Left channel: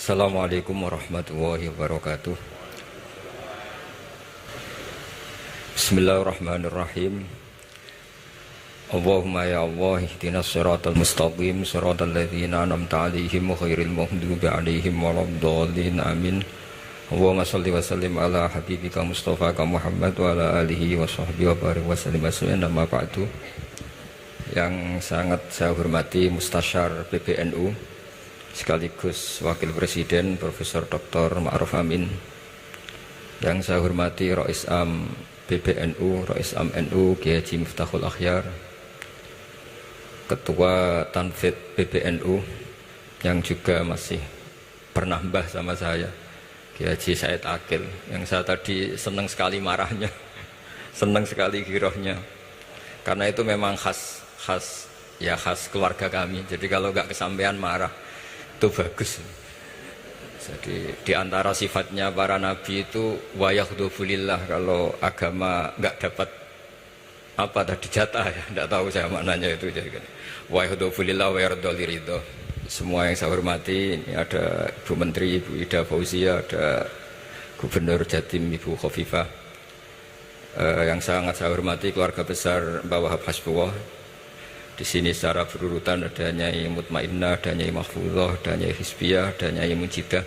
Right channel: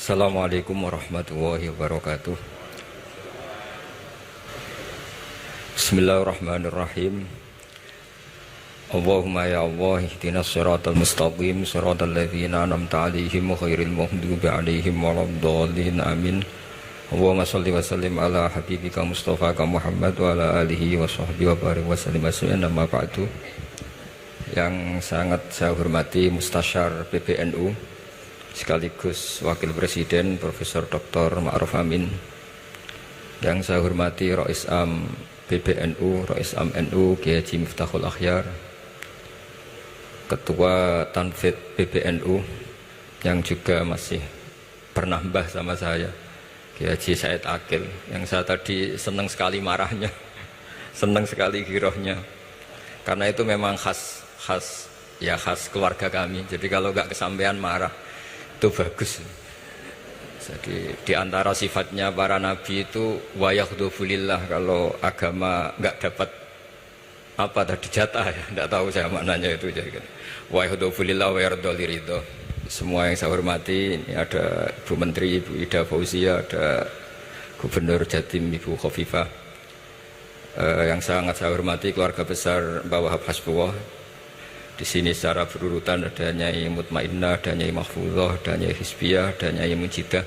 Assalamualaikum warahmatullahi wabarakatuh. Bismillahirrahmanirrahim. Allahumma ya Allah ihdinas siratal mustaqim siratal ladzina an'amta 'alaihim ghairil maghdubi 'alaihim waladdallin amin. Allahumma shalli wa sallim ala habibika Mustafa Muhammad wa ala alihi wa sahbihi wa barik wa sallim amma ba'du. Yang sangat saya hormati Mustasyar PBNU sekaligus Wakil Presiden Profesor Dr. Ma'ruf Amin, yang saya hormati Rais Am PBNU, Rais Am NU Kiai Haji Miftahul Akhyar, Ketua Tanfid PBNU yang juga masih pernah mbah sama saya, Kiai Haji Said Akil, yang saya tadi senang sekali marahnya, senang sekali girohnya, karena itu memang khas keluarga kami. Jadi kalau nggak kesampean marah itu bagus. Jadi di antara sifatnya para nabi itu wayakhdufulillah, kalau agama nggak dapat apa tadi jatah ya, nggak tahu saya maknanya itu. Jadi wayakhdufulillah wayardoliridho. Semua yang saya hormati, ini ada Ibu Menteri Ibu Ida Fauzia, ada Gubernur Jatim Ibu Khofifah, yang sangat saya hormati keluarga besar Mbak Wahab Hasbullah. Di sini secara berurutan ada Nyai Mutmainnah, ada Nyai Mahfuzah, ada Nyai Hizbiyah, ada Nyai Mujidah.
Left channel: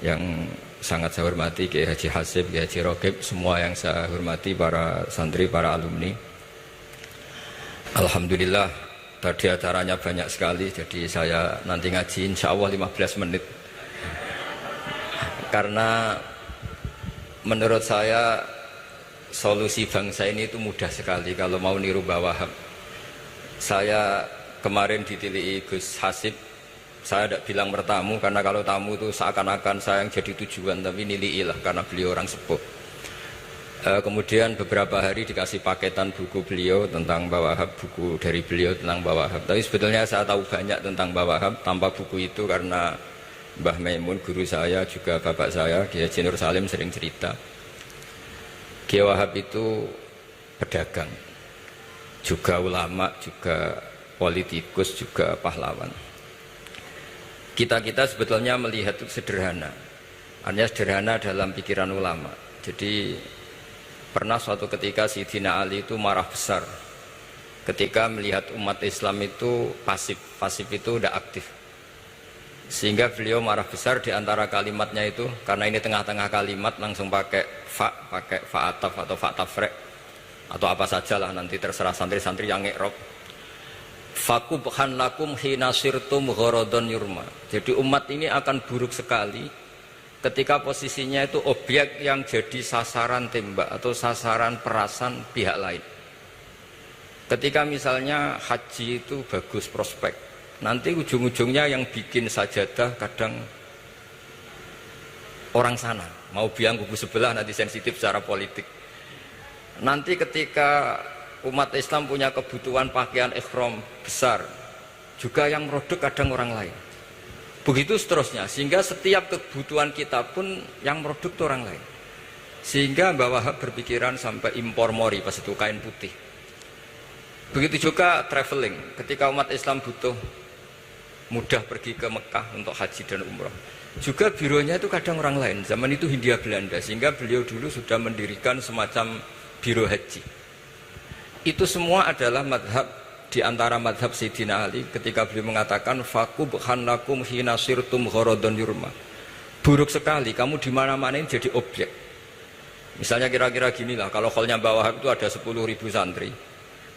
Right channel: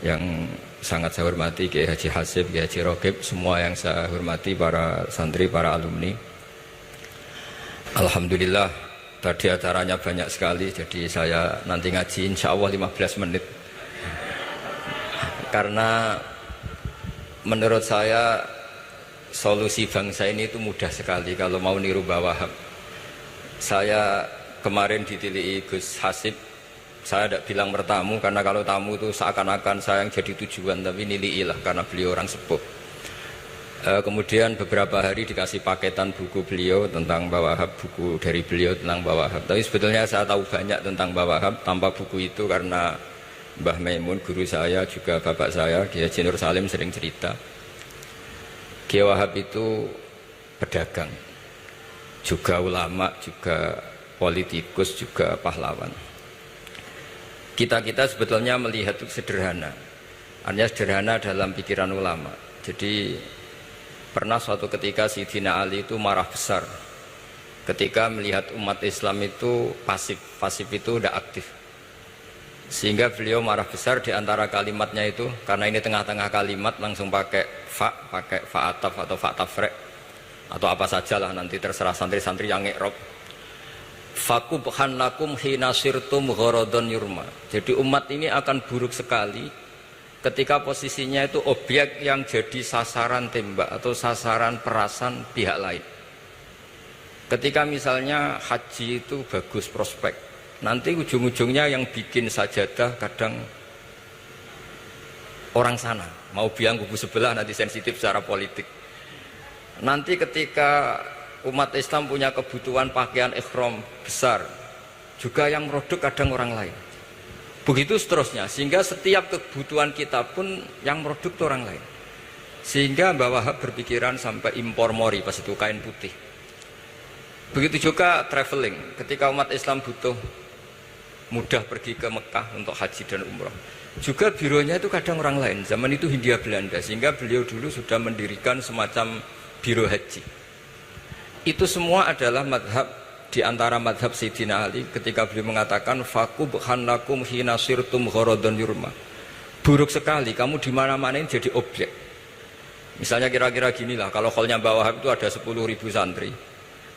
Yang sangat saya hormati Kiai Haji Hasib, Kiai Haji Rokib, semua yang saya hormati para santri, para alumni. Alhamdulillah tadi acaranya banyak sekali, jadi saya nanti ngaji insya Allah 15 menit. Karena menurut saya solusi bangsa ini itu mudah sekali kalau mau niru Mbah Wahab. Saya kemarin ditilihi Gus Hasib, saya tidak bilang bertamu, karena kalau tamu itu seakan-akan saya yang jadi tujuan, tapi niliilah karena beliau orang sepuh. Kemudian beberapa hari dikasih paketan buku beliau tentang Mbah Wahab, buku dari beliau tentang Mbah Wahab. Tapi sebetulnya saya tahu banyak tentang Mbah Wahab tanpa buku itu, karena Mbah Maimun guru saya, juga bapak saya Kiai Haji Nur Salim sering cerita. Kiai Wahab itu pedagang, juga ulama, juga politikus, juga pahlawan. Kita sebetulnya melihat itu sederhana, hanya sederhana dalam pikiran ulama. Jadi pernah suatu ketika Sayyidina Ali itu marah besar ketika melihat umat Islam itu pasif itu tidak aktif, sehingga beliau marah besar. Di antara kalimatnya itu, karena ini tengah-tengah kalimat, langsung pakai fa'ataf atau fa'tafrek atau apa sajalah, nanti terserah santri-santri yang nge'rob. Fakubhan lakum hina sirtum gharadun yurma. Jadi umat ini akan buruk sekali ketika posisinya itu objek yang jadi sasaran tembak atau sasaran perasan pihak lain. Ketika misalnya haji itu bagus prospek, nanti ujung-ujungnya yang bikin sajadah kadang orang sana, mau biang kubu sebelah, nanti sensitif secara politik. Nanti ketika umat Islam punya kebutuhan pakaian ihram besar, juga yang produk kadang orang lain. Begitu seterusnya, sehingga setiap kebutuhan kita pun yang produk itu orang lain. Sehingga Mbah Wahab berpikiran sampai impor mori, pas itu kain putih. Begitu juga traveling, ketika umat Islam butuh mudah pergi ke Mekah untuk haji dan umrah, juga bironya itu kadang orang lain. Zaman itu Hindia Belanda, sehingga beliau dulu sudah mendirikan semacam biro haji. Itu semua adalah madhab, di antara madhab Sayyidina Ali ketika beliau mengatakan fakubhan lakum hina sirtum gharadun yurma. Buruk sekali kamu di mana-mana ini jadi objek. Misalnya kira-kira ginilah, kalau hallnya Mbah Wahab itu ada 10.000 santri,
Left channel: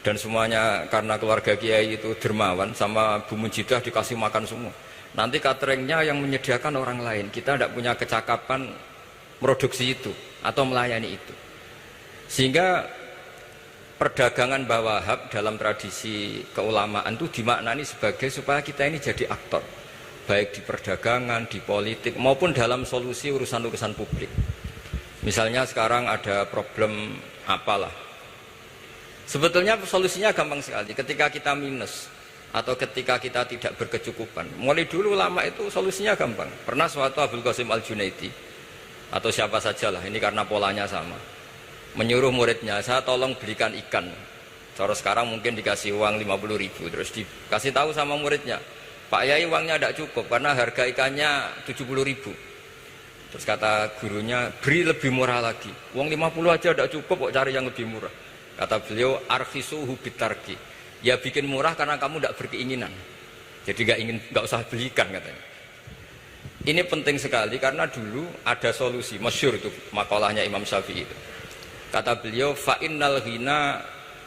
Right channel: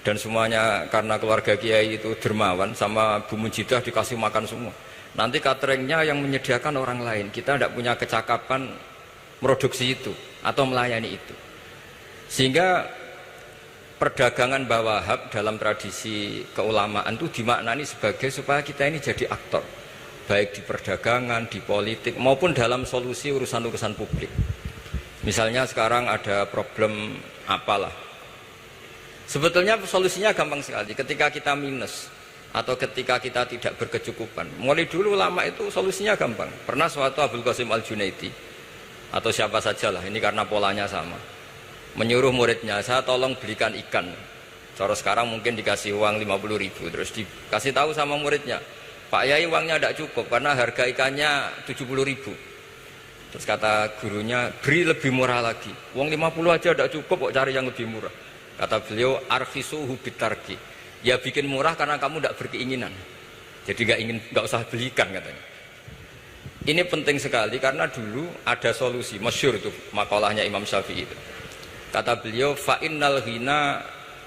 dan semuanya karena keluarga kiai itu dermawan, sama Bu Mujidah dikasih makan semua. Nanti cateringnya yang menyediakan orang lain, kita tidak punya kecakapan produksi itu atau melayani itu. Sehingga perdagangan Mbah Wahab dalam tradisi keulamaan itu dimaknani sebagai supaya kita ini jadi aktor, baik di perdagangan, di politik, maupun dalam solusi urusan-urusan publik. Misalnya sekarang ada problem apalah, sebetulnya solusinya gampang sekali. Ketika kita minus atau ketika kita tidak berkecukupan, mulai dulu ulama itu solusinya gampang. Pernah suatu Abdul Qasim Al-Junaidi atau siapa sajalah, ini karena polanya sama, menyuruh muridnya, saya tolong belikan ikan. Cara sekarang mungkin dikasih uang 50.000, terus dikasih tahu sama muridnya, Pak Yai uangnya tidak cukup karena harga ikannya 70.000. Terus kata gurunya, beri lebih murah lagi. Uang 50 aja tidak cukup, kok cari yang lebih murah. Kata beliau, arfisuhu bitarki. Ya bikin murah karena kamu tidak berkeinginan. Jadi nggak usah belikan katanya. Ini penting sekali karena dulu ada solusi, masyhur itu makalahnya Imam Syafi'i itu. Kata beliau, fa innal ghina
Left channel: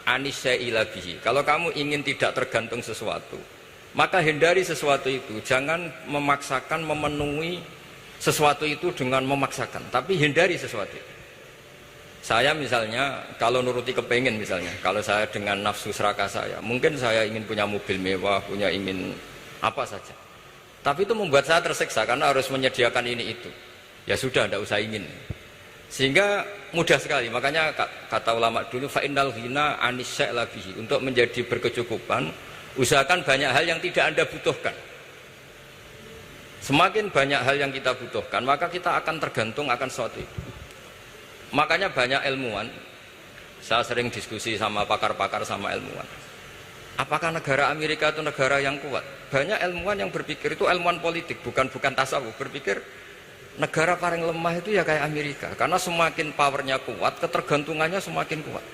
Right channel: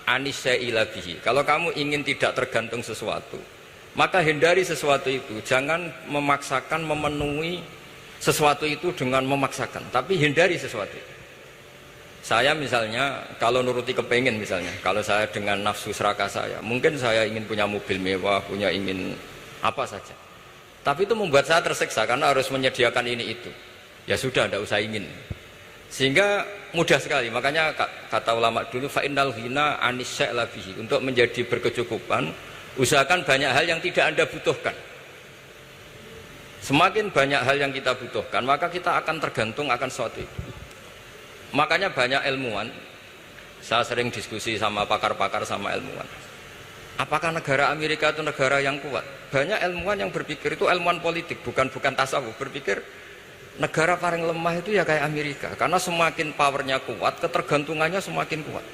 anisya'ila bihi. Kalau kamu ingin tidak tergantung sesuatu, maka hindari sesuatu itu. Jangan memaksakan memenuhi sesuatu itu dengan memaksakan, tapi hindari sesuatu. Saya misalnya kalau nuruti kepengen misalnya, kalau saya dengan nafsu serakah saya, mungkin saya ingin punya mobil mewah, ingin apa saja. Tapi itu membuat saya tersiksa karena harus menyediakan ini itu. Ya sudah, tidak usah ingin. Sehingga mudah sekali. Makanya kata ulama dulu, fa innal ghina anisya'la bihi. Untuk menjadi berkecukupan, usahakan banyak hal yang tidak Anda butuhkan. Semakin banyak hal yang kita butuhkan, maka kita akan tergantung akan sesuatu. Makanya banyak ilmuwan, saya sering diskusi sama pakar-pakar sama ilmuwan. Apakah negara Amerika itu negara yang kuat? Banyak ilmuwan yang berpikir itu ilmuwan politik, bukan tasawuf. Berpikir negara paling lemah itu ya kayak Amerika. Karena semakin powernya kuat, ketergantungannya semakin kuat.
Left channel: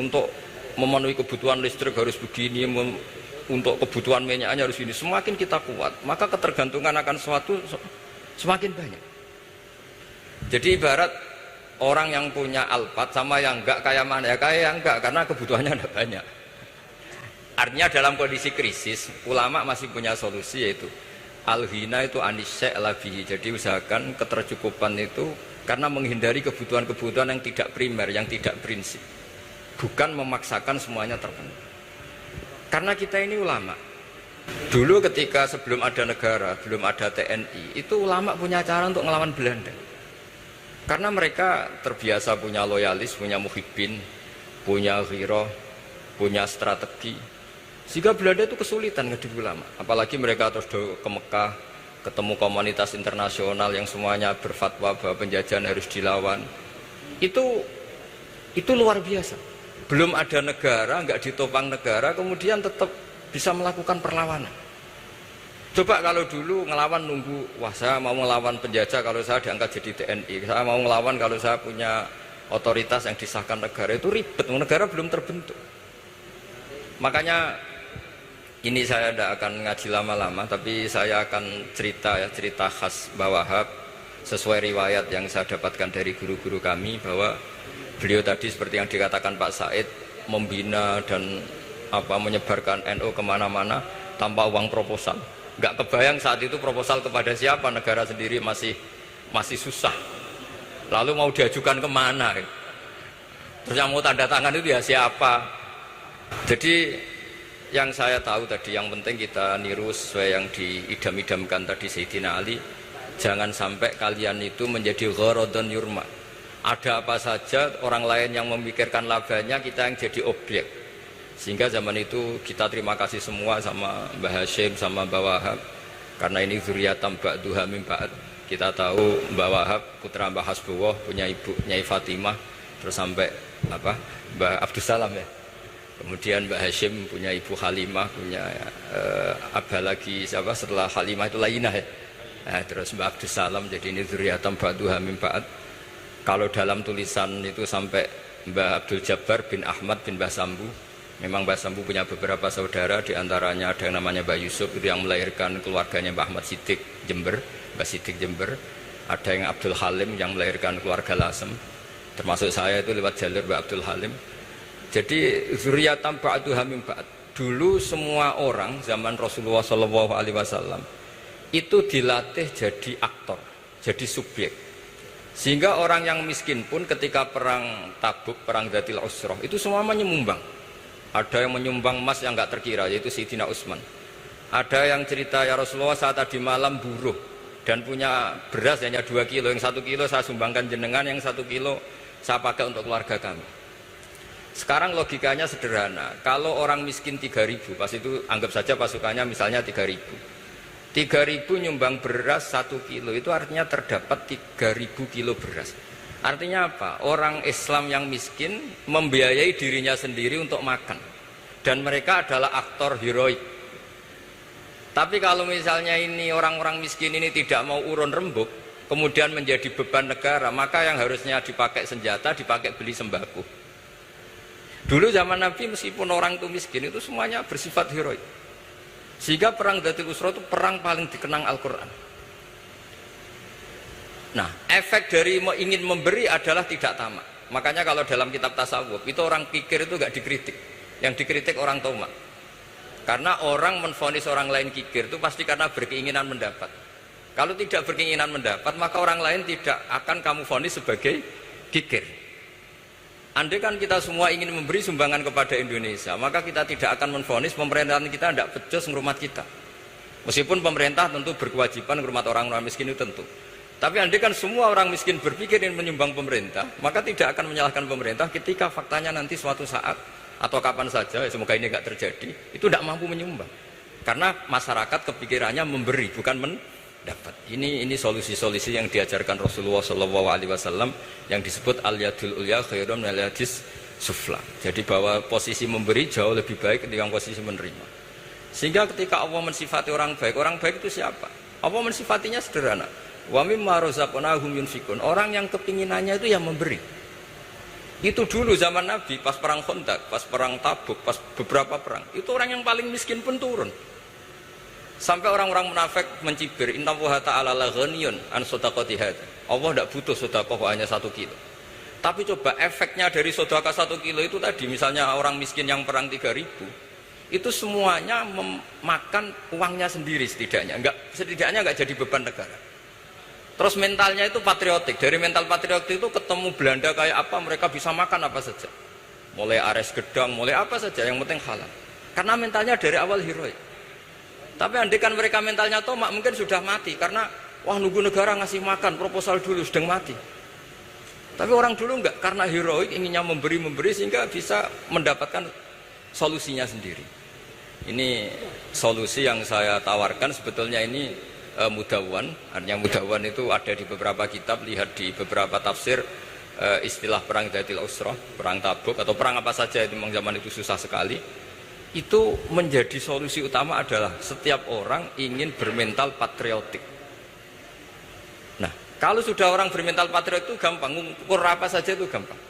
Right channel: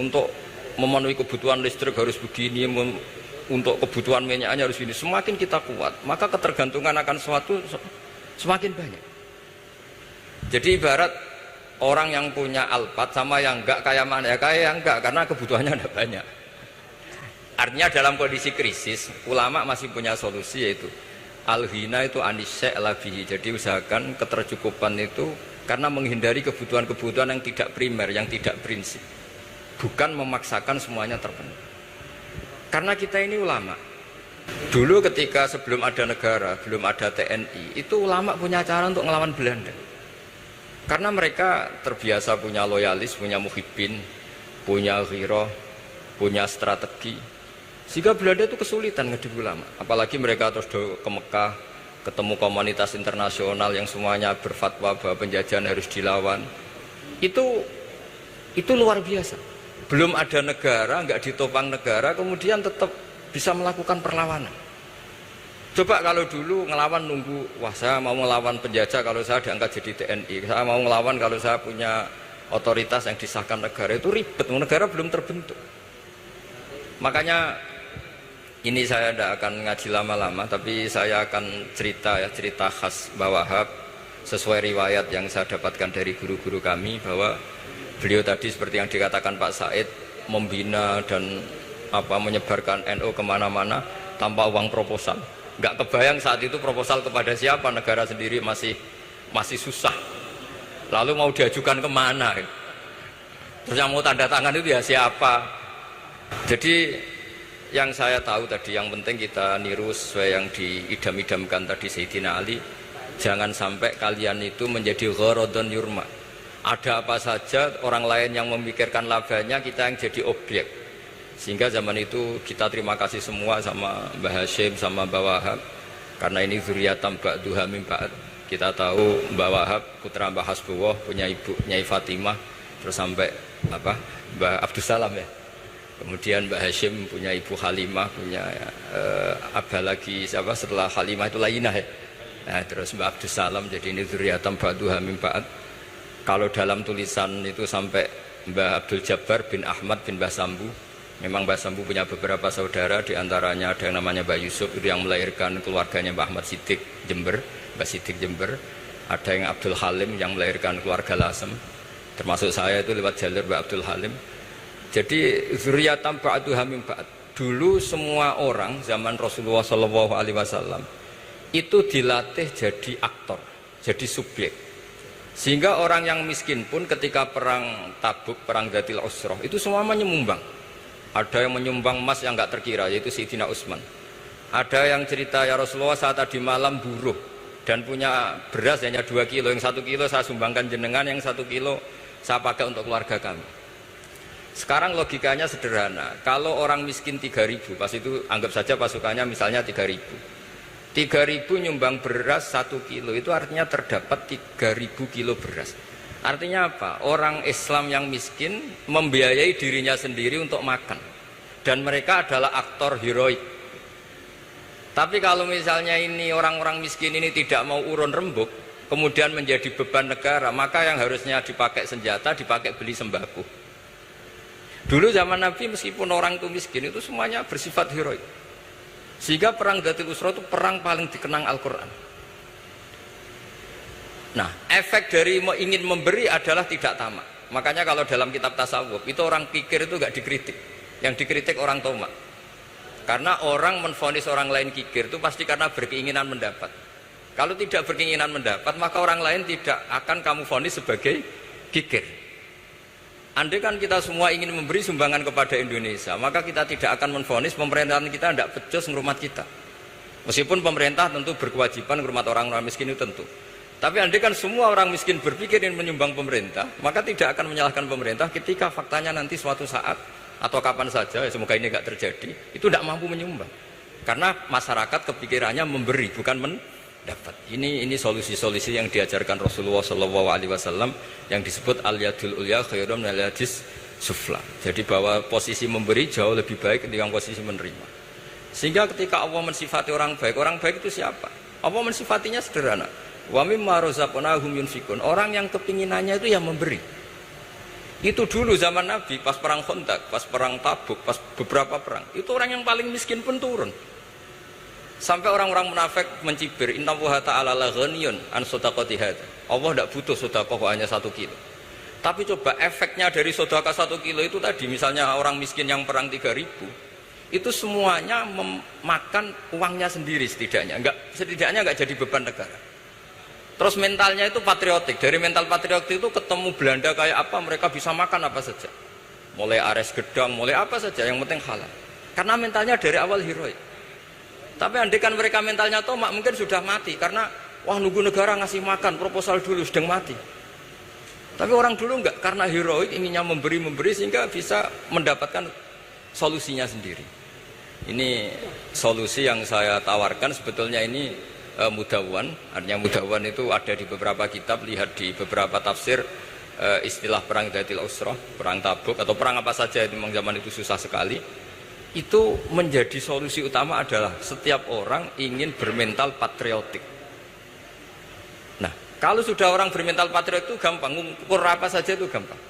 Untuk memenuhi kebutuhan listrik harus begini, untuk kebutuhan minyaknya harus ini. Semakin kita kuat, maka ketergantungan akan sesuatu semakin banyak. Jadi ibarat orang yang punya Alphard sama yang enggak, kayak mana ya? Kayak yang enggak, karena kebutuhannya ada banyak. Artinya dalam kondisi krisis, ulama masih punya solusi, yaitu al-ghina itu anisya'la bihi. Jadi usahakan ketercukupan itu karena menghindari kebutuhan-kebutuhan yang tidak primer, yang tidak prinsip. Bukan memaksakan semuanya terpenuhi. Karena kita ini ulama. Dulu ketika sebelum ada negara, belum ada TNI, itu ulama punya cara untuk melawan Belanda. Karena mereka terbiasa punya loyalis, punya muhibbin, punya ghirah, punya strategi. Sehingga Belanda itu kesulitan ngadepi ulama. Apalagi mereka terus ke Mekah, ketemu komunitas internasional yang semuanya berfatwa bahwa penjajahan harus dilawan. Itu luar biasa. Belum ada negara, nggak ditopang negara, kemudian tetap bisa melakukan perlawanan. Coba kalau dulu ngelawan nunggu, wah saya mau ngelawan penjajah kalau saya diangkat jadi TNI, saya mau ngelawan kalau saya punya otoritas yang disahkan negara, itu ribet, negara belum terbentuk. Makanya ini saya tidak akan ngaji lama-lama, tapi saya akan cerita khas Mbah Wahab sesuai riwayat yang saya dapatkan dari guru-guru kami, bahwa beliau tadi seperti yang dikatakan Pak Said, membina dan menyebarkan NU kemana-mana tanpa uang proposal. Nggak kebayang saat itu proposal kepada siapa, negara sendiri masih susah. Lalu mau diajukan kemana? Terus yang mau tanda tangan itu ya siapa? Jadi yang saya tahu tadi, yang penting kita niru sesuai yang diidam-idamkan tadi Sayyidina Ali. Jangan sampai kalian itu menjadi gharadun yurma. Ada apa saja orang lain yang memikirkan labanya, kita yang jadi objek. Sehingga zaman itu kita terima kasih semua sama Mbah Hashim, sama Mbah Wahab. Karena ini zuriyatam ba'duha min ba'd. Kita tahu Mbah Wahab putra Mbah Hasbullah, punya ibu Nyai Fatimah, terus sampai Mbah Abdus Salam ya. Kemudian Mbah Hashim punya ibu Halimah, punya abah lagi siapa setelah Halimah itu Lainah ya. Terus Mbah Abdus Salam, jadi ini zuriyatam ba'duha min ba'd. Kalau dalam tulisan itu sampai Mbah Abdul Jabbar bin Ahmad bin Mbah Sambu. Memang Mbah Sambu punya beberapa saudara, diantaranya ada yang namanya Mbah Yusuf, itu yang melahirkan keluarganya Mbah Ahmad Siddiq Jember, Mbah Siddiq Jember. Ada yang Abdul Halim yang melahirkan keluarga Lasem, termasuk saya itu lewat jalur Mbah Abdul Halim. Jadi zuriyatam ba'duha min ba'd. Dulu semua orang zaman Rasulullah SAW itu dilatih jadi aktor, jadi subjek. Sehingga orang yang miskin pun ketika perang Tabuk, perang Dzatil Usrah, itu semua menyumbang. Ada yang menyumbang emas yang nggak terkira, yaitu Sayyidina Utsman. Ada yang cerita, ya Rasulullah saat tadi malam buruh dan punya beras hanya 2 kilo, yang 1 kilo saya sumbangkan jenengan, yang 1 kilo saya pakai untuk keluarga kami. Sekarang logikanya sederhana, kalau orang miskin 3.000, pas itu anggap saja pasukannya misalnya 3.000. 3.000 nyumbang beras 1 kilo, itu artinya terdapat 3.000 kilo beras. Artinya apa? Orang Islam yang miskin membiayai dirinya sendiri untuk makan. Dan mereka adalah aktor heroik. Tapi kalau misalnya ini orang-orang miskin ini tidak mau urun rembuk, kemudian menjadi beban negara, maka yang harusnya dipakai senjata, dipakai beli sembako. Dulu zaman Nabi meskipun orang itu miskin, itu semuanya bersifat heroik. Sehingga perang Dzatul Usra itu perang paling dikenang Al-Quran. Nah, efek dari ingin memberi adalah tidak tamak. Makanya kalau dalam kitab tasawuf, itu orang pikir itu gak dikritik. Yang dikritik orang tamak. Karena orang menvonis orang lain kikir itu pasti karena berkeinginan mendapat. Kalau tidak berkeinginan mendapat, maka orang lain tidak akan kamu vonis sebagai kikir. Andai kan kita semua ingin memberi sumbangan kepada Indonesia, maka kita tidak akan menvonis pemerintahan kita tidak becus ngurmat kita. Meskipun pemerintah tentu berkewajiban ngurmat orang-orang miskin itu tentu. Tapi andai kan semua orang miskin berpikir ingin menyumbang pemerintah, maka tidak akan menyalahkan pemerintah ketika faktanya nanti suatu saat atau kapan saja, semoga ini tidak terjadi, itu tidak mampu menyumbang. Karena masyarakat kepikirannya memberi, bukan mendapat. Ini solusi-solusi yang diajarkan Rasulullah SAW yang disebut al-yadul ulya khairun minal yadis sufla. Jadi bahwa posisi memberi jauh lebih baik ketimbang posisi menerima. Sehingga ketika Allah mensifati orang baik itu siapa? Allah mensifatinya sederhana. Wa mimma razaqnahum yunfikun. Orang yang kepinginannya itu yang memberi. Itu dulu zaman Nabi, pas perang Khandaq, pas perang Tabuk, pas beberapa perang, itu orang yang paling miskin pun turun. Sampai orang-orang munafik mencibir, inna Allaha ta'ala la ghaniyun an shadaqati hadza. Allah tidak butuh sedekah hanya 1 kilo. Tapi coba efeknya dari sedekah 1 kilo itu tadi, misalnya orang miskin yang perang 3.000, itu semuanya memakan uangnya sendiri setidaknya enggak jadi beban negara. Terus mentalnya itu patriotik. Dari mental patriotik itu ketemu Belanda kayak apa, mereka bisa makan apa saja. Mulai ares gedang, mulai apa saja, yang penting halal. Karena mentalnya dari awal heroik. Tapi andai kan mereka mentalnya tomak, mungkin sudah mati. Karena, wah nunggu negara ngasih makan, proposal dulu, sedang mati. Tapi orang dulu enggak, karena heroik, inginnya memberi sehingga bisa mendapatkan solusinya sendiri. Ini solusi yang saya tawarkan sebetulnya ini Mudawwan. Artinya Mudawwan itu ada di beberapa kitab, lihat di beberapa tafsir istilah perang Dzatul Usra, perang Tabuk atau perang apa saja itu memang zaman itu susah sekali. Itu menjadi solusi utama adalah setiap orang ingin bermental patriotik. Nah, kalau sudah orang bermental patriotik itu gampang, ukur apa saja itu gampang.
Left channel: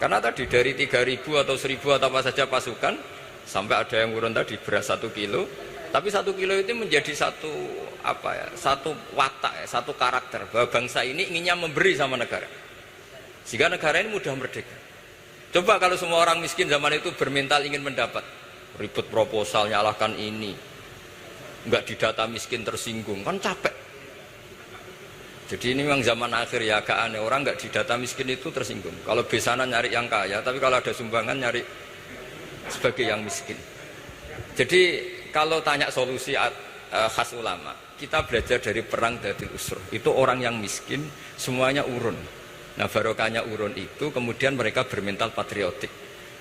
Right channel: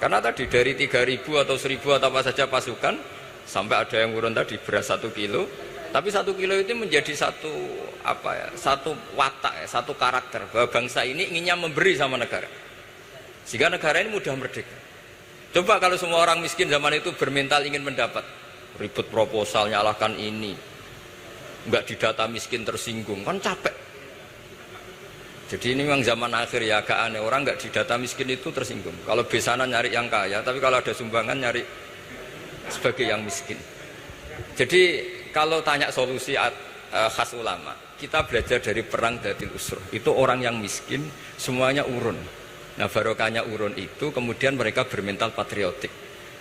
Karena tadi dari 3.000 atau 1.000 atau apa saja pasukan, sampai ada yang urun tadi beras 1 kilo, tapi 1 kilo itu menjadi satu watak, satu karakter bahwa bangsa ini inginnya memberi sama negara, sehingga negara ini mudah merdeka. Coba kalau semua orang miskin zaman itu bermental ingin mendapat, ribut proposal, nyalahkan ini, nggak didata miskin tersinggung, kan capek. Jadi ini memang zaman akhir ya, agak aneh, orang nggak didata miskin itu tersinggung. Kalau besanan nyari yang kaya, tapi kalau ada sumbangan nyari sebagai yang miskin. Jadi kalau tanya solusi khas ulama, kita belajar dari perang Dzatul Usra. Itu orang yang miskin semuanya urun. Nah, barokahnya urun itu kemudian mereka bermental patriotik.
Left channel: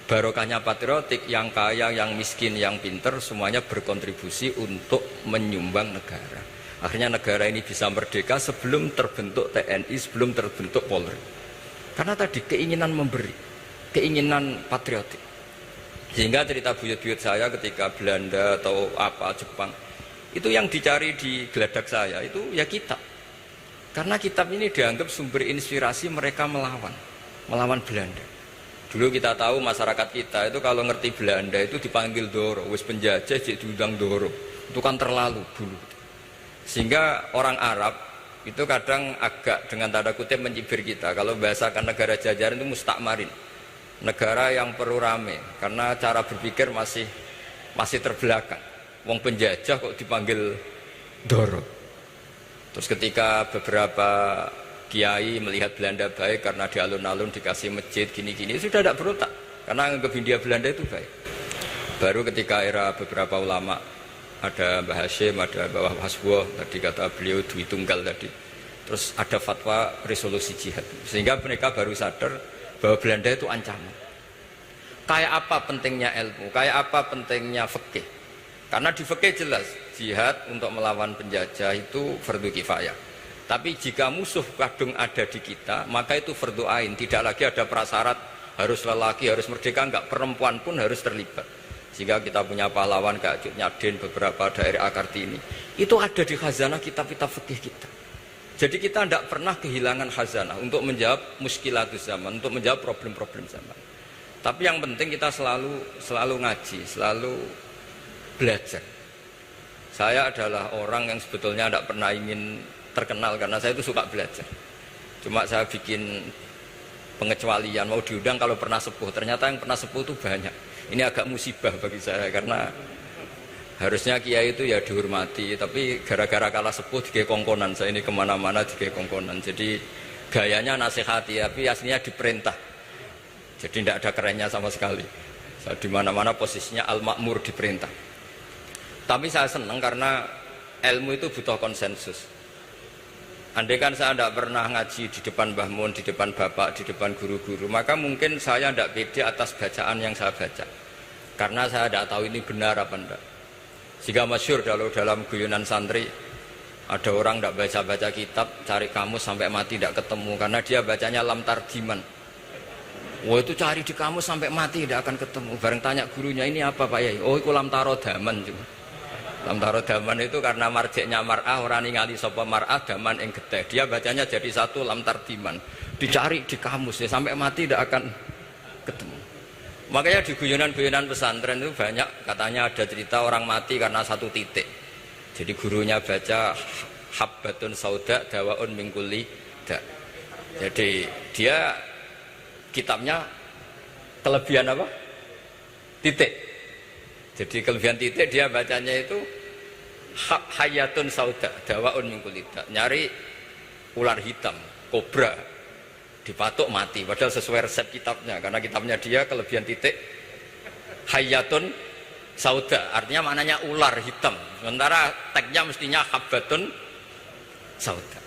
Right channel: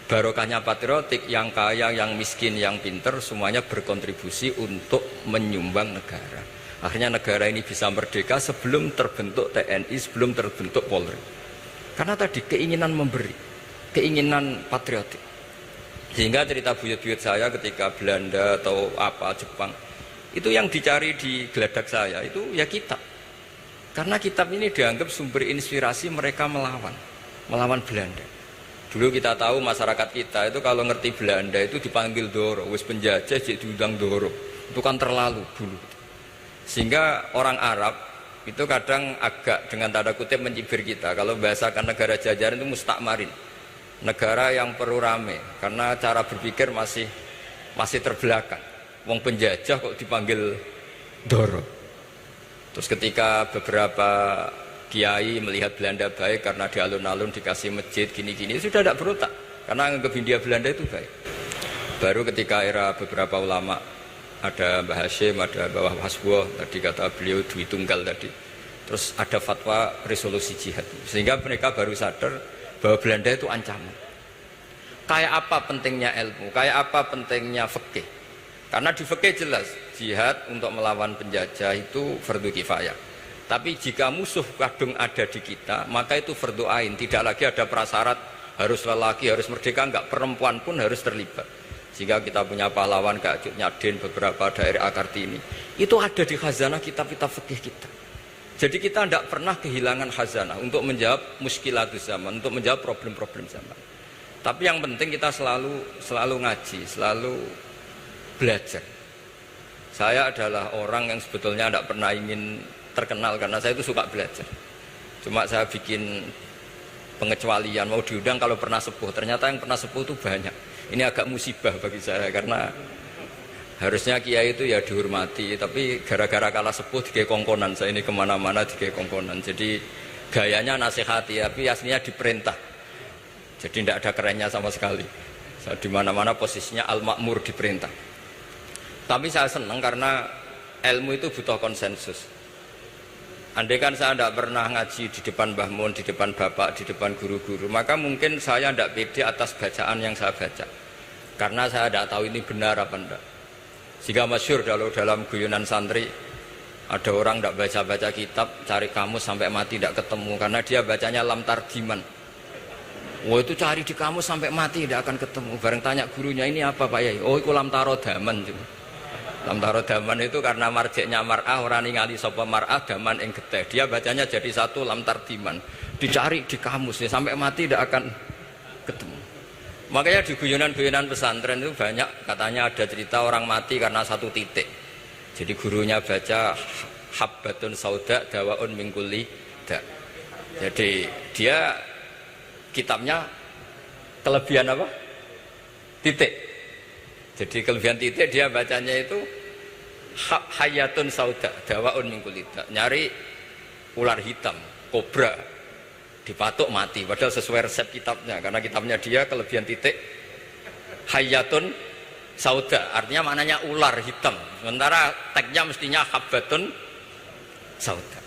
Barokahnya patriotik, yang kaya, yang miskin, yang pinter semuanya berkontribusi untuk menyumbang negara. Akhirnya negara ini bisa merdeka sebelum terbentuk TNI, sebelum terbentuk Polri. Karena tadi keinginan memberi, keinginan patriotik. Sehingga cerita buyut-buyut saya ketika Belanda atau apa Jepang, itu yang dicari di geladak saya itu ya kitab. Karena kitab ini dianggap sumber inspirasi mereka melawan Belanda. Dulu kita tahu masyarakat kita itu kalau ngerti Belanda itu dipanggil Doro, wis penjajah jadi diundang Doro. Itu kan terlalu dulu. Sehingga orang Arab itu kadang agak dengan tanda kutip mencibir kita. Kalau bahasakan negara jajahan itu mustakmarin, negara yang perlu rame, karena cara berpikir masih terbelakang. Wong penjajah kok dipanggil Doro. Terus ketika beberapa kiai melihat Belanda baik karena di alun-alun dikasih masjid gini-gini, sudah tidak berotak karena anggap Hindia Belanda itu baik. Baru ketika era beberapa ulama, ada Mbah Hashim, ada Mbah Hasbo, tadi kata beliau Dwi Tunggal tadi, terus ada fatwa resolusi jihad, sehingga mereka baru sadar bahwa Belanda itu ancaman. Kayak apa pentingnya ilmu, kayak apa pentingnya fikih. Karena di fikih jelas jihad untuk melawan penjajah itu fardu kifayah. Tapi jika musuh kadung ada di kita, maka itu fardu ain. Tidak lagi ada prasyarat harus lelaki, harus merdeka, enggak, perempuan pun harus terlibat. Sehingga kita punya pahlawan kayak Cut Nyadin, beberapa daerah Kartini. Itu ada di khazanah kitab-kitab fikih kita. Jadi kita tidak pernah kehilangan khazanah untuk menjawab muskilatus zaman, untuk menjawab problem-problem zaman. Tapi yang penting kita selalu ngaji, selalu belajar. Saya adalah orang yang sebetulnya tidak pernah ingin terkenal karena saya itu suka belajar. Cuma saya bikin pengecualian, mau diundang kalau pernah sepuh. Ternyata yang pernah sepuh itu banyak. Ini agak musibah bagi saya karena harusnya kiai itu ya dihormati, tapi gara-gara kalah sepuh digawe kongkonan. Saya ini kemana-mana digawe kongkonan. Jadi gayanya nasihati, tapi aslinya diperintah. Jadi tidak ada kerennya sama sekali. Saya di mana-mana posisinya al-makmur, diperintah. Tapi saya senang karena ilmu itu butuh konsensus. Andai kan saya tidak pernah ngaji di depan Mbah Mun, di depan bapak, di depan guru-guru, maka mungkin saya tidak pede atas bacaan yang saya baca. Karena saya tidak tahu ini benar apa tidak. Sehingga masyhur kalau dalam guyonan santri, ada orang tidak baca-baca kitab, cari kamus sampai mati tidak ketemu. Karena dia bacanya lam tarjiman. Wah itu cari di kamus sampai mati tidak akan ketemu. Bareng tanya gurunya, ini apa Pak Yai? Oh itu lam tarodaman. Lam tarodaman itu karena marjiknya mar'ah, orang ningali sapa mar'ah daman ing getih. Dia bacanya jadi satu lam tardiman. Dicari di kamus ya, sampai mati tidak akan ketemu. Makanya di guyonan-guyonan pesantren itu banyak katanya ada cerita orang mati karena satu titik. Jadi gurunya baca habbatun sauda dawaun min kulli da. Jadi dia kitabnya kelebihan apa? Titik. Jadi kelebihan titik dia bacanya itu hayatun sauda dawaun min kulli da. Nyari ular hitam, kobra, dipatuk mati, padahal sesuai resep kitabnya, karena kitabnya dia kelebihan titik hayatun sauda, artinya maknanya ular hitam, sementara tagnya mestinya habbatun sauda.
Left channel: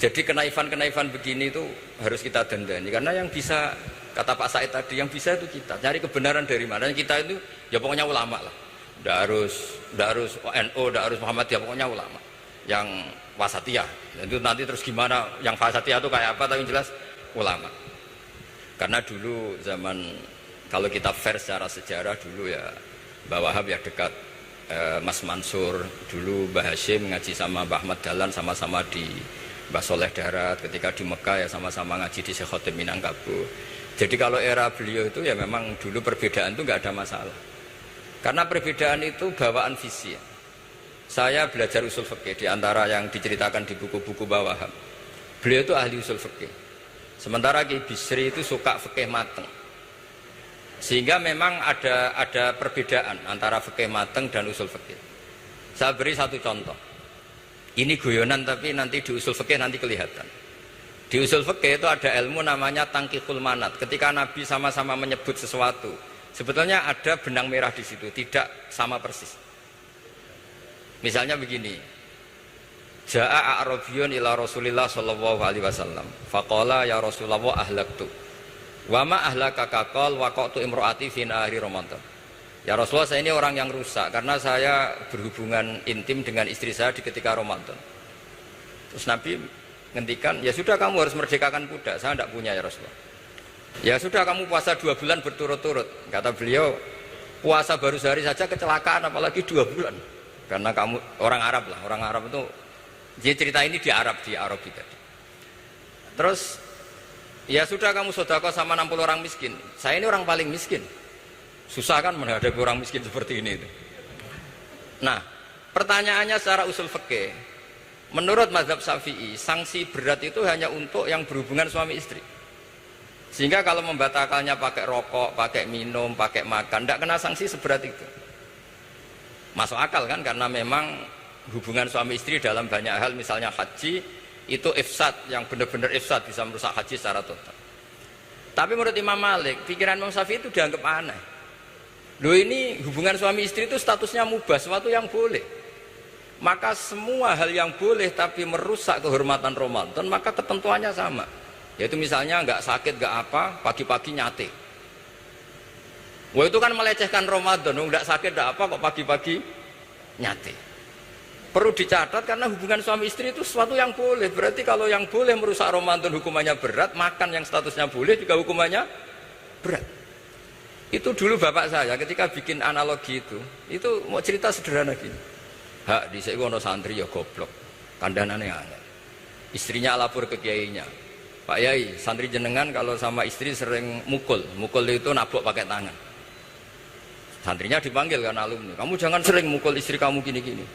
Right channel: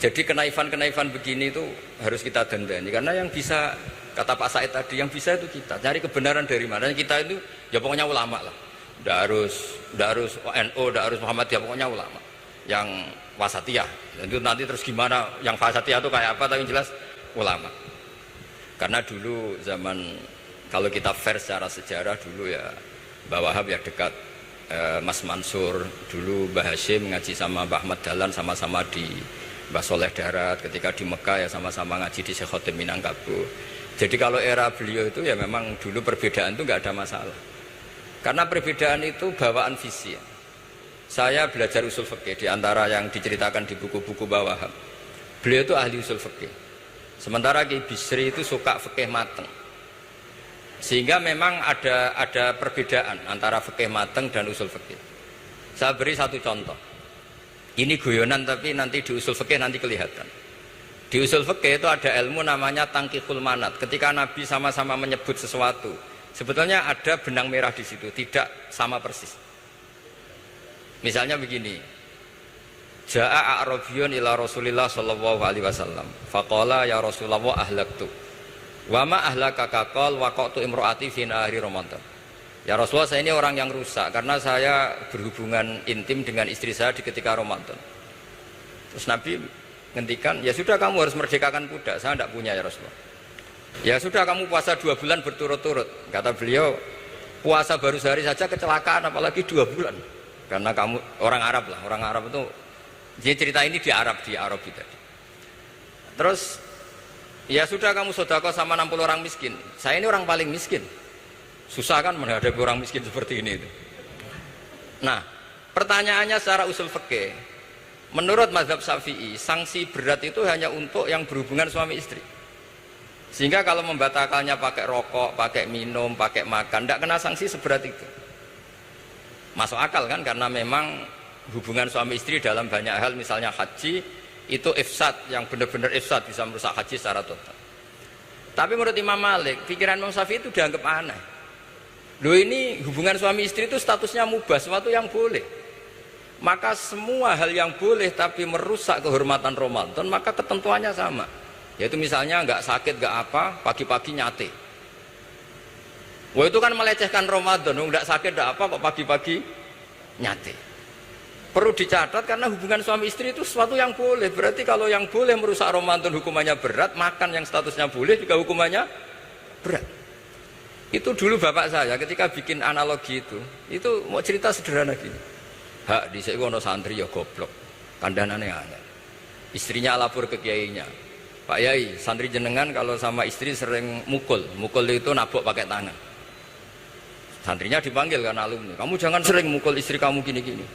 Jadi kenaifan-kenaifan begini itu harus kita dandani, karena yang bisa, kata Pak Said tadi, yang bisa itu kita cari kebenaran dari mana. Kita itu ya pokoknya ulama lah, tidak harus NU, tidak harus Muhammadiyah, pokoknya ulama yang wasatiyah. Itu nanti terus gimana yang wasatiyah itu kayak apa, tapi jelas ulama. Karena dulu zaman, kalau kita fair secara sejarah dulu ya Mbah Wahab ya dekat Mas Mansur, dulu Mbah Hashim ngaji sama Mbah Ahmad Dahlan sama-sama di Mbah Soleh Darat, ketika di Mekah ya sama-sama ngaji di Syekh Khotim Minangkabau. Jadi kalau era beliau itu ya memang dulu perbedaan itu nggak ada masalah, karena perbedaan itu bawaan visi. Saya belajar usul fikih di antara yang diceritakan di buku-buku Mbah Wahab, beliau itu ahli usul fikih. Sementara Ki Bisri itu suka fikih mateng. Sehingga memang ada perbedaan antara fikih mateng dan usul fikih. Saya beri satu contoh. Ini guyonan tapi nanti di usul fikih nanti kelihatan. Di usul fikih itu ada ilmu namanya tangkihul manat. Ketika Nabi sama-sama menyebut sesuatu, sebetulnya ada benang merah di situ, tidak sama persis. Misalnya begini, Ja'a a'rabiyun ila Rasulillah sallallahu alaihi wasallam. Faqala ya Rasulullah ahlaktu. Wa ma ahlaka qal waqatu imraati fi nahari Ramadan. Ya Rasulullah, saya ini orang yang rusak karena saya berhubungan intim dengan istri saya di ketika Ramadan. Terus Nabi ngendikan, ya sudah kamu harus merdekakan budak, saya tidak punya ya Rasulullah. Ya sudah kamu puasa 2 bulan berturut-turut. Kata beliau, puasa baru sehari saja kecelakaan apalagi 2 bulan. Karena kamu orang Arab lah, orang Arab itu, jadi cerita ini di Arab kita. Terus, ya sudah kamu sedekah sama 60 orang miskin. Saya ini orang paling miskin. Susah kan menghadapi orang miskin seperti ini. Nah, pertanyaannya secara usul fikih, menurut mazhab Syafi'i, sanksi berat itu hanya untuk yang berhubungan suami istri. Sehingga kalau membatalkannya pakai rokok, pakai minum, pakai makan, tidak kena sanksi seberat itu. Masuk akal kan, karena memang hubungan suami istri dalam banyak hal, misalnya haji, itu ifsad, yang benar-benar ifsad, bisa merusak haji secara total. Tapi menurut Imam Malik, pikiran Imam Syafi'i itu dianggap aneh. Loh ini hubungan suami istri itu statusnya mubah, sesuatu yang boleh. Maka semua hal yang boleh tapi merusak kehormatan Ramadan, maka ketentuannya sama. Yaitu misalnya nggak sakit, nggak apa, pagi-pagi nyate. Wah itu kan melecehkan Ramadan, nggak sakit, nggak apa, kok pagi-pagi nyate. Perlu dicatat karena hubungan suami istri itu sesuatu yang boleh. Berarti kalau yang boleh merusak Ramadan hukumannya berat, makan yang statusnya boleh juga hukumannya berat. Itu dulu bapak saya ketika bikin analogi itu mau cerita sederhana gini. Hak di sini ono santri ya goblok, kandanane aneh. Istrinya lapor ke kiainya, Pak Yai, santri jenengan kalau sama istri sering mukul itu nabok pakai tangan. Santrinya dipanggil kan alumni, kamu jangan sering mukul istri kamu gini-gini.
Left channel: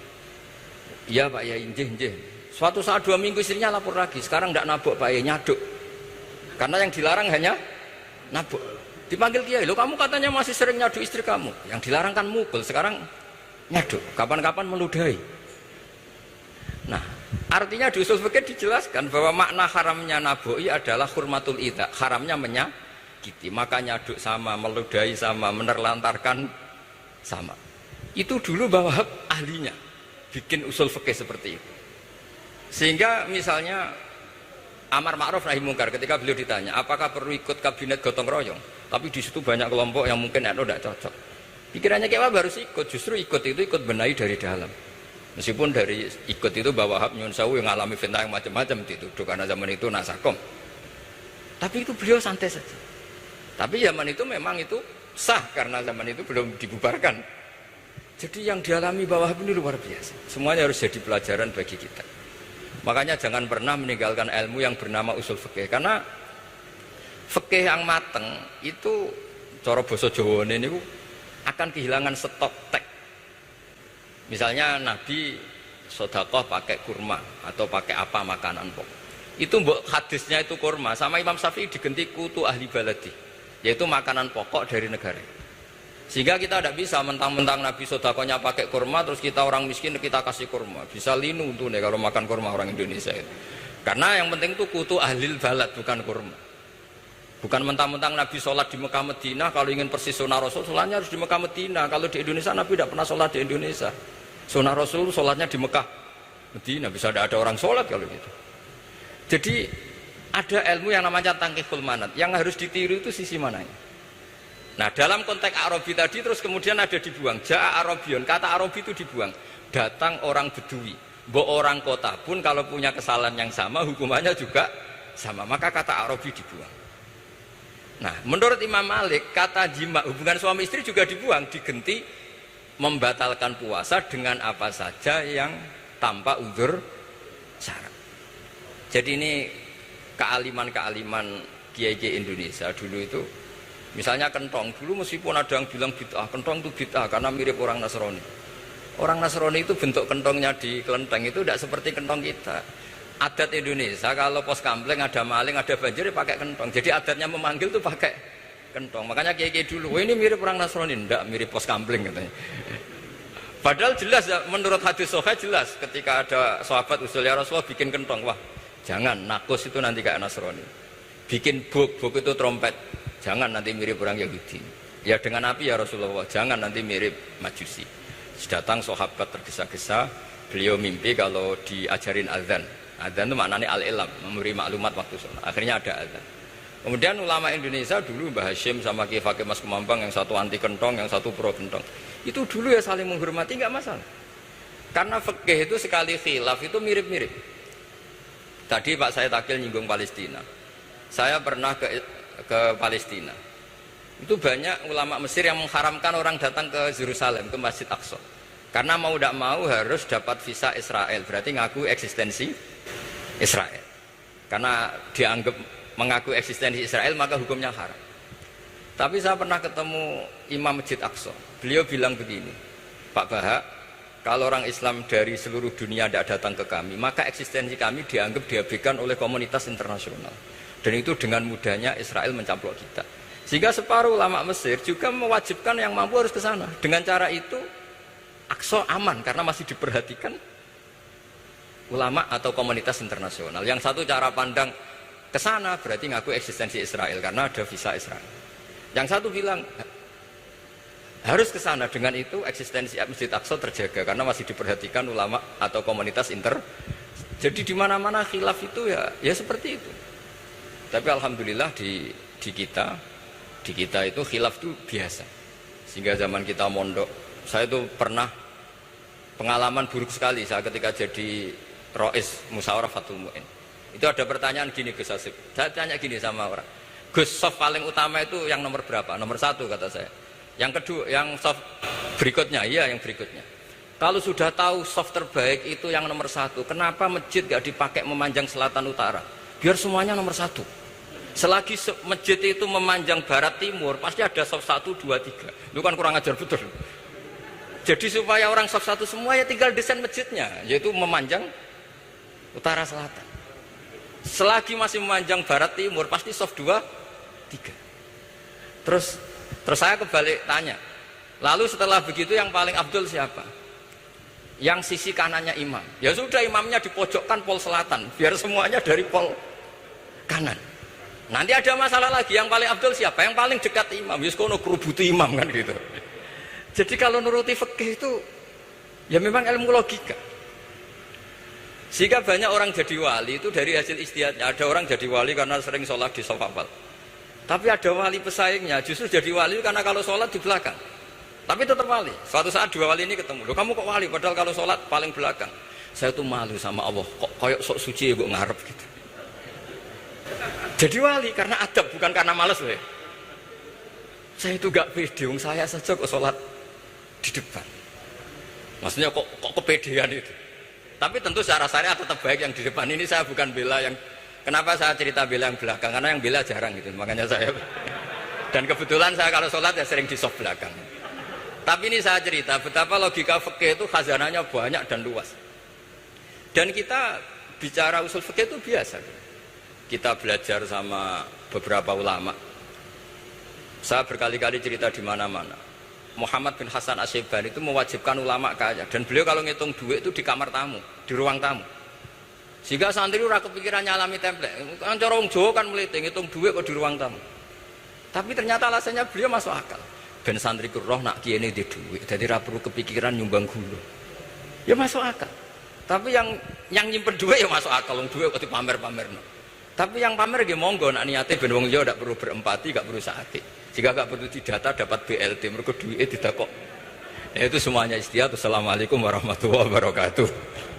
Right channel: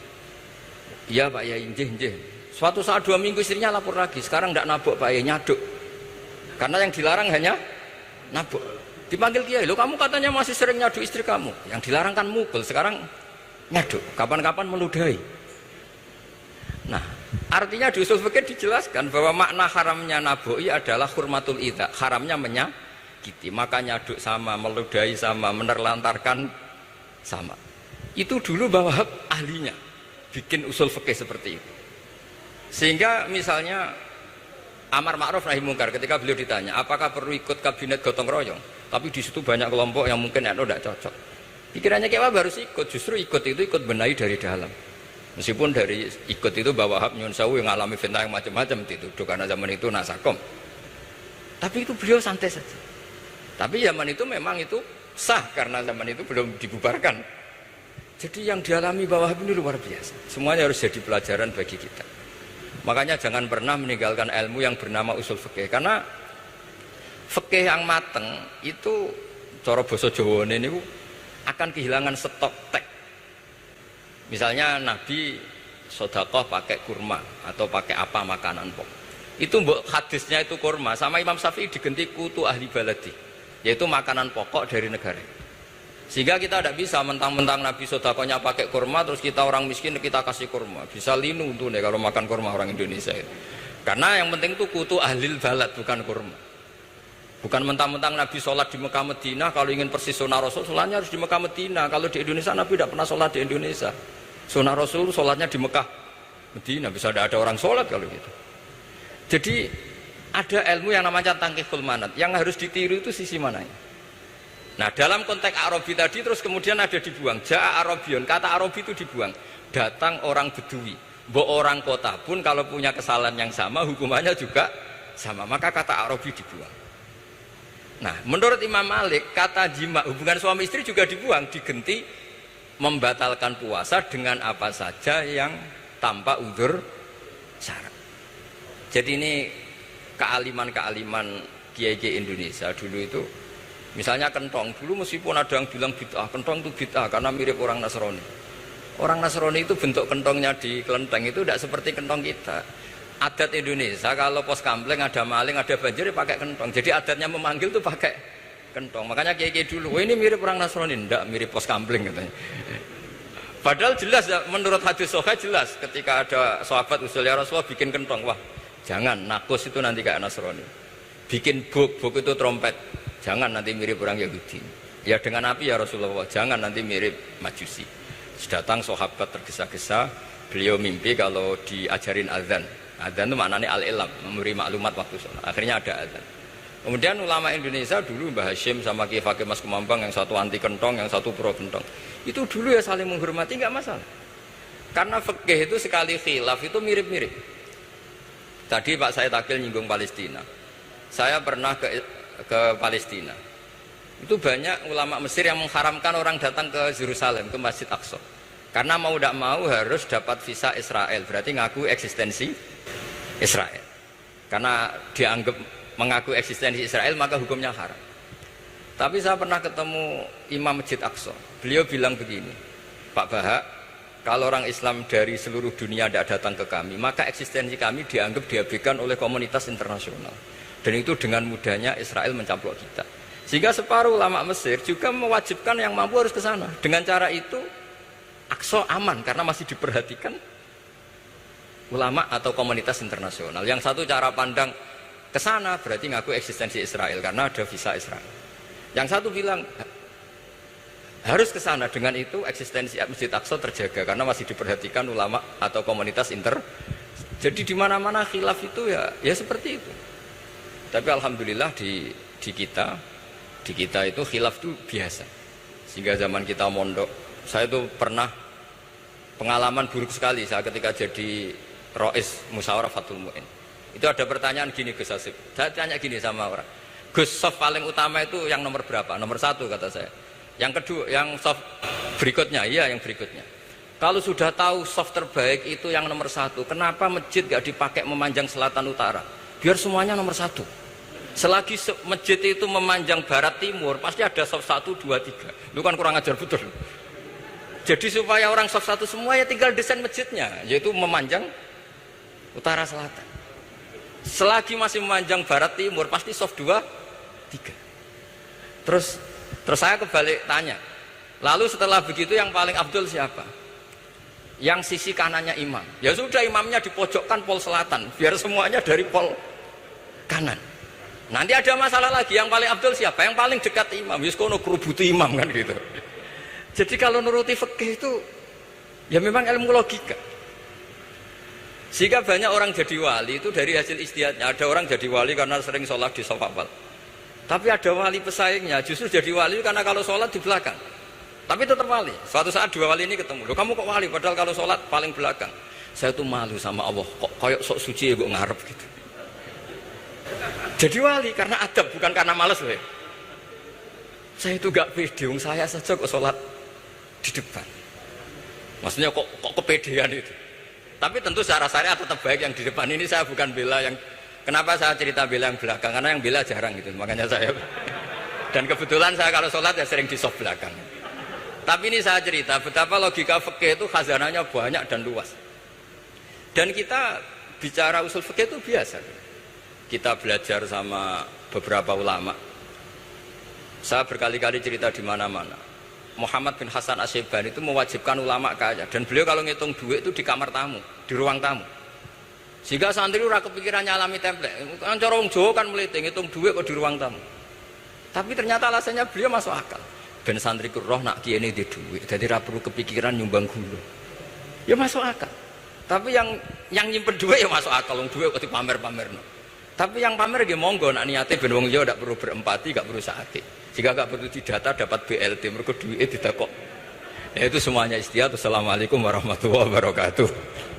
Iya Pak Yai, njeh. Suatu saat 2 minggu istrinya lapor lagi, sekarang tidak nabok Pak Yai, nyaduk. Karena yang dilarang hanya nabok. Dipanggil kiai, lo kamu katanya masih sering nyaduk istri kamu. Yang dilarang kan mukul, sekarang nyaduk. Kapan-kapan meludahi. Nah, artinya di usul fikih dijelaskan bahwa makna haramnya naboi adalah hurmatul idza, haramnya menyakiti. Maka nyaduk sama, meludahi sama, menerlantarkan sama. Itu dulu bahwa ahlinya bikin usul fikih seperti itu. Sehingga misalnya amar ma'ruf nahi mungkar, ketika beliau ditanya apakah perlu ikut kabinet gotong royong, tapi di situ banyak kelompok yang mungkin tidak cocok. Pikirannya kayak harus ikut, justru ikut benahi dari dalam. Meskipun dari ikut itu bahwa Wahab nyun sewu yang ngalami fitnah yang macam-macam dituduh karena zaman itu nasakom. Tapi itu beliau santai saja. Tapi zaman itu memang itu sah karena zaman itu belum dibubarkan. Jadi yang dialami Wahab ini luar biasa. Semuanya harus jadi pelajaran bagi kita. Makanya jangan pernah meninggalkan ilmu yang bernama usul fikih, karena fikih yang mateng itu cara basa Jawa ini akan kehilangan stok teks. Misalnya Nabi sedekah pakai kurma atau pakai apa makanan pokok. Itu hadisnya itu kurma, sama Imam Syafi'i digenti kutu ahli baladi, yaitu makanan pokok dari negara. Sehingga kita tidak bisa mentang-mentang Nabi sedekahnya pakai kurma terus kita orang miskin kita kasih kurma. Bisa linu tuh nih kalau makan kurma orang Indonesia itu. Karena yang penting itu kutu ahli balad bukan kurma. Bukan mentang-mentang Nabi sholat di Mekah Medina, kalau ingin persis sunnah Rasul, sholatnya harus di Mekah Medina. Kalau di Indonesia Nabi tidak pernah sholat di Indonesia. Sunnah Rasul sholatnya di Mekah Medina, bisa ada orang sholat kalau gitu. Jadi ada ilmu yang namanya tangkihul manat, yang harus ditiru itu sisi mananya. Nah dalam konteks Arabi tadi terus kemudian ada dibuang, Ja'a Arabion, kata Arabi itu dibuang. Datang orang Bedui, orang kota pun kalau punya kesalahan yang sama hukumannya juga sama, maka kata Arabi dibuang. Nah, menurut Imam Malik, kata jima, hubungan suami istri juga dibuang, digenti membatalkan puasa dengan apa saja yang tanpa uzur syarat. Jadi ini kealiman-kealiman kiai-kiai Indonesia dulu itu, misalnya kentong, dulu meskipun ada yang bilang bid'ah, kentong itu bid'ah karena mirip orang Nasrani. Orang Nasrani itu bentuk kentongnya di kelenteng itu tidak seperti kentong kita. Adat Indonesia kalau pos kampleng ada maling ada banjir pakai kentong. Jadi adatnya memanggil tuh pakai kentong. Makanya kiai dulu, ini mirip orang Nasrani, enggak mirip pos kampleng katanya. Padahal jelas menurut hadis sahih jelas ketika ada sahabat usul ya Rasulullah bikin kentong, wah jangan nakus itu nanti kayak Nasrani. Bikin buk itu trompet, jangan nanti mirip orang Yahudi. Ya dengan api ya Rasulullah, jangan nanti mirip Majusi. Datang sahabat tergesa-gesa, beliau mimpi kalau diajarin azan. Azan itu maknanya al-ilam, memberi maklumat waktu sholat. Akhirnya ada azan. Kemudian ulama Indonesia dulu Mbah Hashim sama Kiai Fakih Mas Kemambang, yang satu anti kentong, yang satu pro kentong. Itu dulu ya saling menghormati, nggak masalah. Karena fikih itu sekali khilaf itu mirip-mirip. Tadi Pak saya takil nyinggung Palestina. Saya pernah ke Palestina. Itu banyak ulama Mesir yang mengharamkan orang datang ke Yerusalem, ke Masjid Aqsa. Karena mau tidak mau harus dapat visa Israel, berarti ngaku eksistensi Israel. Karena dianggap mengaku eksistensi Israel maka hukumnya haram. Tapi saya pernah ketemu Imam Masjid Aqsa. Beliau bilang begini, Pak Bahak, kalau orang Islam dari seluruh dunia tidak datang ke kami, maka eksistensi kami dianggap diabaikan oleh komunitas internasional. Dan itu dengan mudahnya Israel mencaplok kita. Sehingga separuh ulama Mesir juga mewajibkan yang mampu harus ke sana. Dengan cara itu Aqsa aman karena masih diperhatikan ulama atau komunitas internasional. Yang satu cara pandang ke sana berarti ngaku eksistensi Israel karena ada visa Israel. Yang satu bilang harus ke sana, dengan itu eksistensi Masjid Aqsa terjaga karena masih diperhatikan ulama atau komunitas Jadi di mana-mana khilaf itu ya seperti itu. Tapi alhamdulillah di kita itu khilaf itu biasa. Sehingga zaman kita mondok, saya itu pernah pengalaman buruk sekali saya ketika jadi Rois Musyawarah Fatul Mu'in. Itu ada pertanyaan gini Gus Hasib. Saya tanya gini sama orang, Gus, soft paling utama itu yang nomor berapa? Nomor 1 kata saya. Yang kedua, yang soft berikutnya, iya yang berikutnya. Kalau sudah tahu soft terbaik itu yang nomor 1, kenapa masjid gak dipakai memanjang selatan utara? Biar semuanya nomor 1. Selagi masjid itu memanjang barat timur, pasti ada soft 1, 2, 3. Itu kan kurang ajar betul. Jadi supaya orang soft 1 semua ya tinggal desain masjidnya, yaitu memanjang utara selatan. Selagi masih memanjang barat timur, pasti soft 2, 3. Terus saya kebalik tanya, lalu setelah begitu yang paling abdul siapa? Yang sisi kanannya imam. Ya sudah, imamnya dipojokkan pol selatan, biar semuanya dari pol kanan. Nanti ada masalah lagi, yang paling abdul siapa? Yang paling dekat imam. Yus kono kerubuti imam kan gitu. Jadi kalau nuruti fikih itu ya memang ilmu logika. Sehingga banyak orang jadi wali itu dari hasil ijtihadnya. Ada orang jadi wali karena sering sholat di shaf awal. Tapi ada wali pesaingnya justru jadi wali karena kalau sholat di belakang. Tapi tetap wali. Suatu saat dua wali ini ketemu. Loh, kamu kok wali? Padahal kalau sholat paling belakang. Saya tuh malu sama Allah. Kok kayak sok suci ya kok ngarep gitu. Jadi wali karena adab, bukan karena malas loh. Saya itu gak pede. Saya saja kok sholat di depan. Maksudnya kok kepedean itu. Tapi tentu secara syariat tetap baik yang di depan. Ini saya bukan bela yang. Kenapa saya cerita bela yang belakang? Karena yang bela jarang gitu. Makanya saya. Dan kebetulan saya kalau sholat ya sering di soft belakang. Tapi ini saya cerita betapa logika fikih itu khazanahnya banyak dan luas. Dan kita bicara usul fikih itu biasa. Kita belajar sama beberapa ulama. Saya berkali-kali cerita di mana-mana. Muhammad bin Hasan Asy-Syaibani itu mewajibkan ulama kaya. Dan beliau kalau ngitung duit itu di kamar tamu, di ruang tamu. Sehingga santri ora kepikiran nyalami template. Kan cara wong Jawa kan meliting ngitung duit kok di ruang tamu. Tapi ternyata alasannya beliau masuk akal. Ben santri ku roh nak kiye di duit. Jadi ra perlu kepikiran nyumbang gulu. Ya masuk akal. Tapi yang nyimpen duit ya masuk akal, wong duit kok dipamer-pamerno. Tapi yang pamer nggih monggo nak niate ben wong liya ndak perlu berempati, nggak perlu sakit. Jika nggak perlu didata dapat BLT mergo duit tidak kok. Ya itu semuanya istihad. Assalamualaikum warahmatullahi wabarakatuh.